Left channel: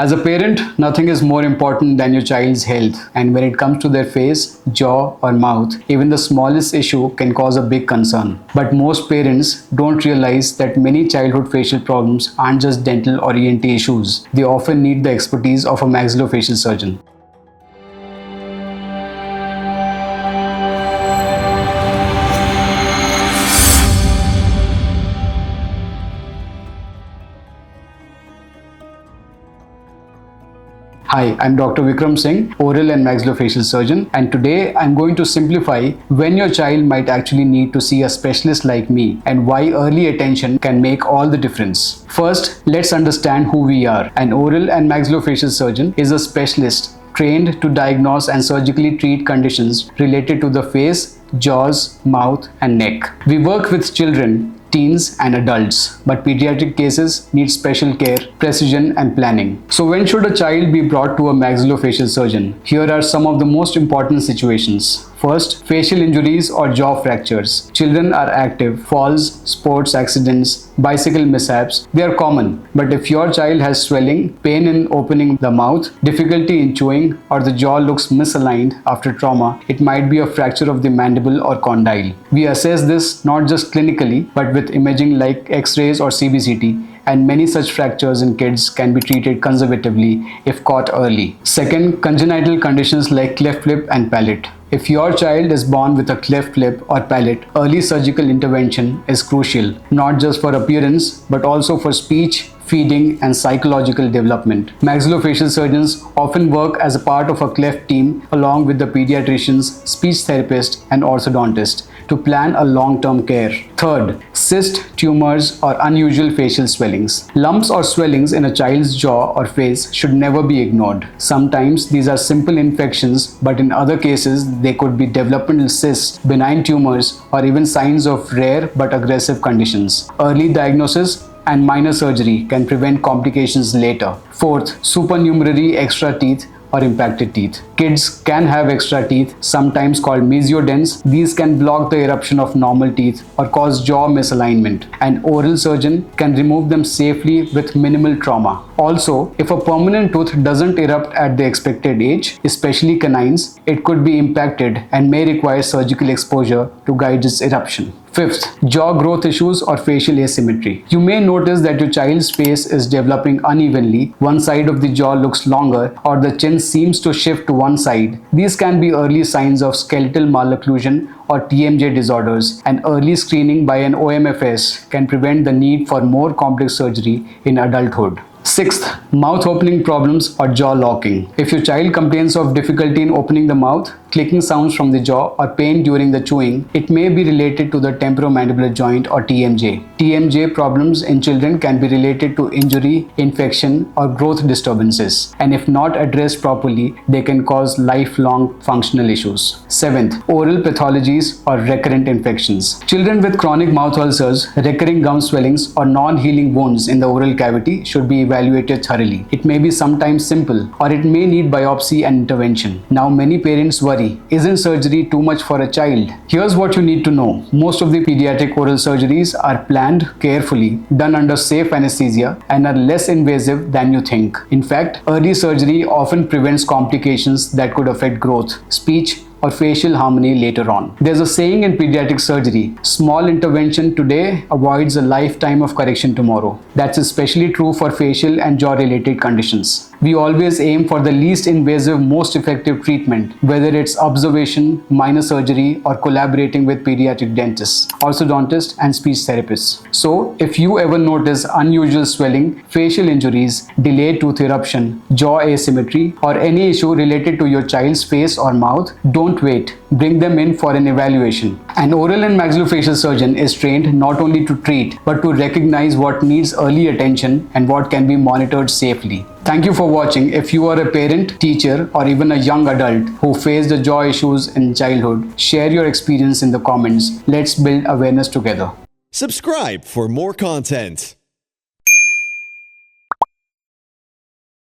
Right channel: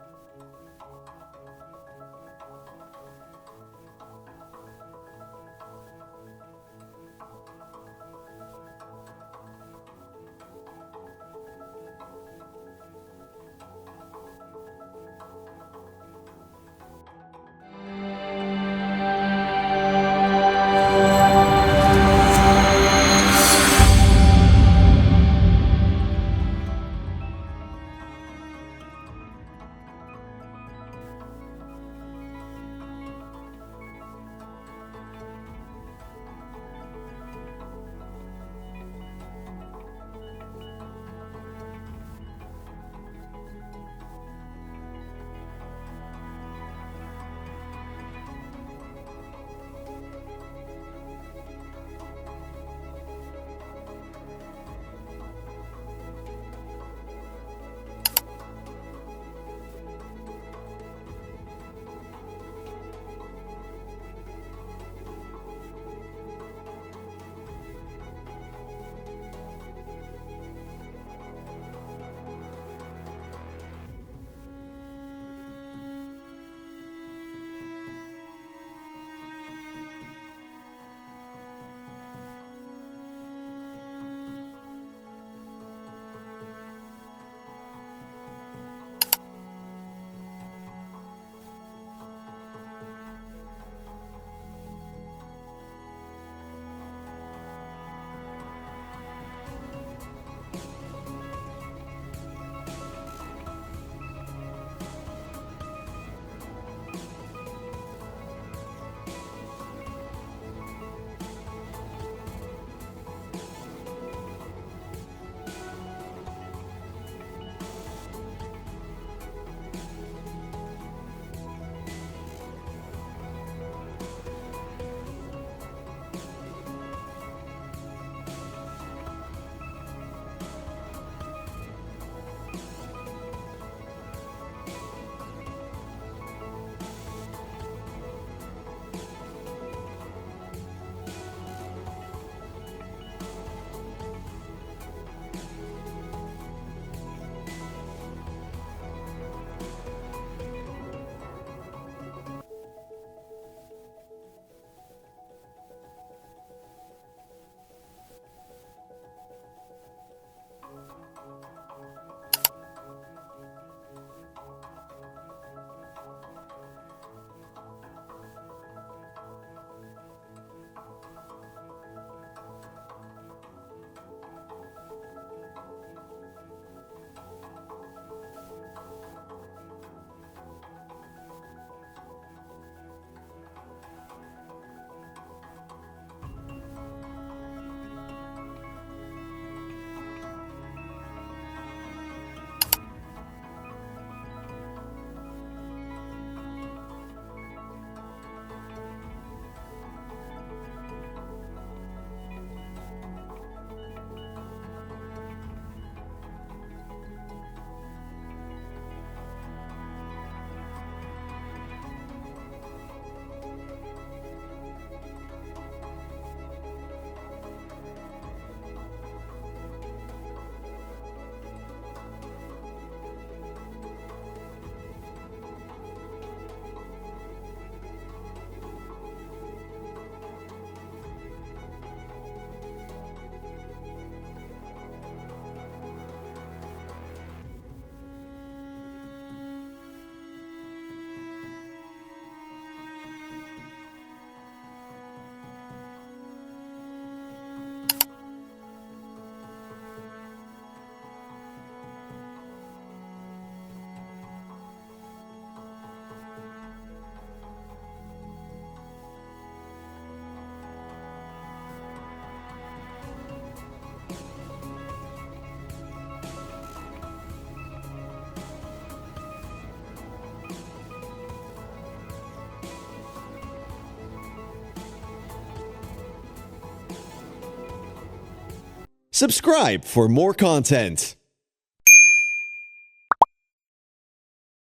As a parent, nothing is more important than your child's health, and when it comes to their face, jaw, or mouth, even the smallest issue can cause a big concern. But most parents don't realize that many childhood facial problems aren't just dental or ENT issues. They often need the expertise of a maxillofacial surgeon. Hi, I'm Dr. Vikram Singh, Oral and Maxillofacial Surgeon, and today I'm going to simplify when your child might actually need to see a specialist like me and why early attention can make all the difference. First, let's understand who we are. An oral and maxillofacial surgeon is a specialist trained to diagnose and surgically treat conditions related to the face, jaws, mouth, and neck. We work with children, teens, and adults, but pediatric cases need special care, precision, and planning. So when should a child be brought to a maxillofacial surgeon? Here are some of the most important situations. First, facial injuries or jaw fractures. Children are active. Falls, sports accidents, bicycle mishaps, they are common. But if your child has swelling, pain in opening the mouth, difficulty in chewing, or the jaw looks misaligned after trauma, it might be a fracture of the mandible or condyle. We assess this not just clinically, but with imaging like X-rays or CBCT, and many such fractures in kids can be treated conservatively if caught early. Second, congenital conditions like cleft lip and palate. If your child is born with a cleft lip or palate, early surgical intervention is crucial, not just for appearance, but also for speech, feeding, and psychological development. Maxillofacial surgeons often work as a part of a cleft team along with the pediatricians, speech therapist, and orthodontist to plan a long-term care. Third, cysts, tumors, or unusual facial swellings. Lumps or swellings in a child's jaw or face should never be ignored. Sometimes these are simple infections, but in other cases, they could be developmental cysts, benign tumors, or even signs of rare but aggressive conditions. Early diagnosis and minor surgery can prevent complications later. Fourth, supernumerary extra teeth or impacted teeth. Kids can have extra teeth, sometimes called mesiodens. These can block the eruption of normal teeth or cause jaw misalignment. An oral surgeon can remove them safely with minimal trauma. Also, if a permanent tooth doesn't erupt at the expected age, especially canines, it could be impacted and may require surgical exposure to guide its eruption. Fifth, jaw growth issues or facial asymmetry. You may notice that your child's face is developing unevenly. One side of the jaw looks longer or the chin seems to shift to one side. These can be early signs of skeletal malocclusion or TMJ disorders, and early screening by an OMFS can prevent the need for more complex surgery in adulthood. Sixth, mouth opening problems or jaw locking. If your child complains of difficulty in opening the mouth, clicking sounds from the jaw, or pain during the chewing, it may be related to the temporomandibular joint or TMJ. TMJ problems in children can be related to injury, infection, or growth disturbances, and if not addressed properly, they can cause lifelong functional issues. Seventh, oral pathologies or recurrent infections. Children with chronic mouth ulcers, recurring gum swellings, or non-healing wounds in the oral cavity should be evaluated thoroughly. It may be sometimes simple, or it may need biopsy and intervention. Now, many parents worry, isn't surgery too much for a child? Here's what you need to know. Most of the pediatric oral surgeries are planned carefully, done under safe anesthesia, and are less invasive than you think. In fact, early surgery often prevents complications that could affect growth, speech, or facial harmony later on. There's a saying in pediatric surgery, small intervention today avoids a lifetime of correction tomorrow. That's especially true for facial and jaw-related conditions. We always aim for the least invasive, most effective treatment, whether it's observation, minor surgery, or collaborating with pediatric dentists, orthodontists, and speech therapists. So, if you ever notice unusual swelling, facial injuries, delayed tooth eruption, jaw asymmetry, or any issue related to your child's face or mouth, don't wait. Bring them in for an evaluation. An oral and maxillofacial surgeon is trained not only to treat, but to recognize what needs early attention and what can be monitored safely. Thank you for watching. If you are a parent, teacher, or even a young adult who faced the jaw issues in childhood, share your experience in the comments. Let's build awareness together. Subscribe for more content.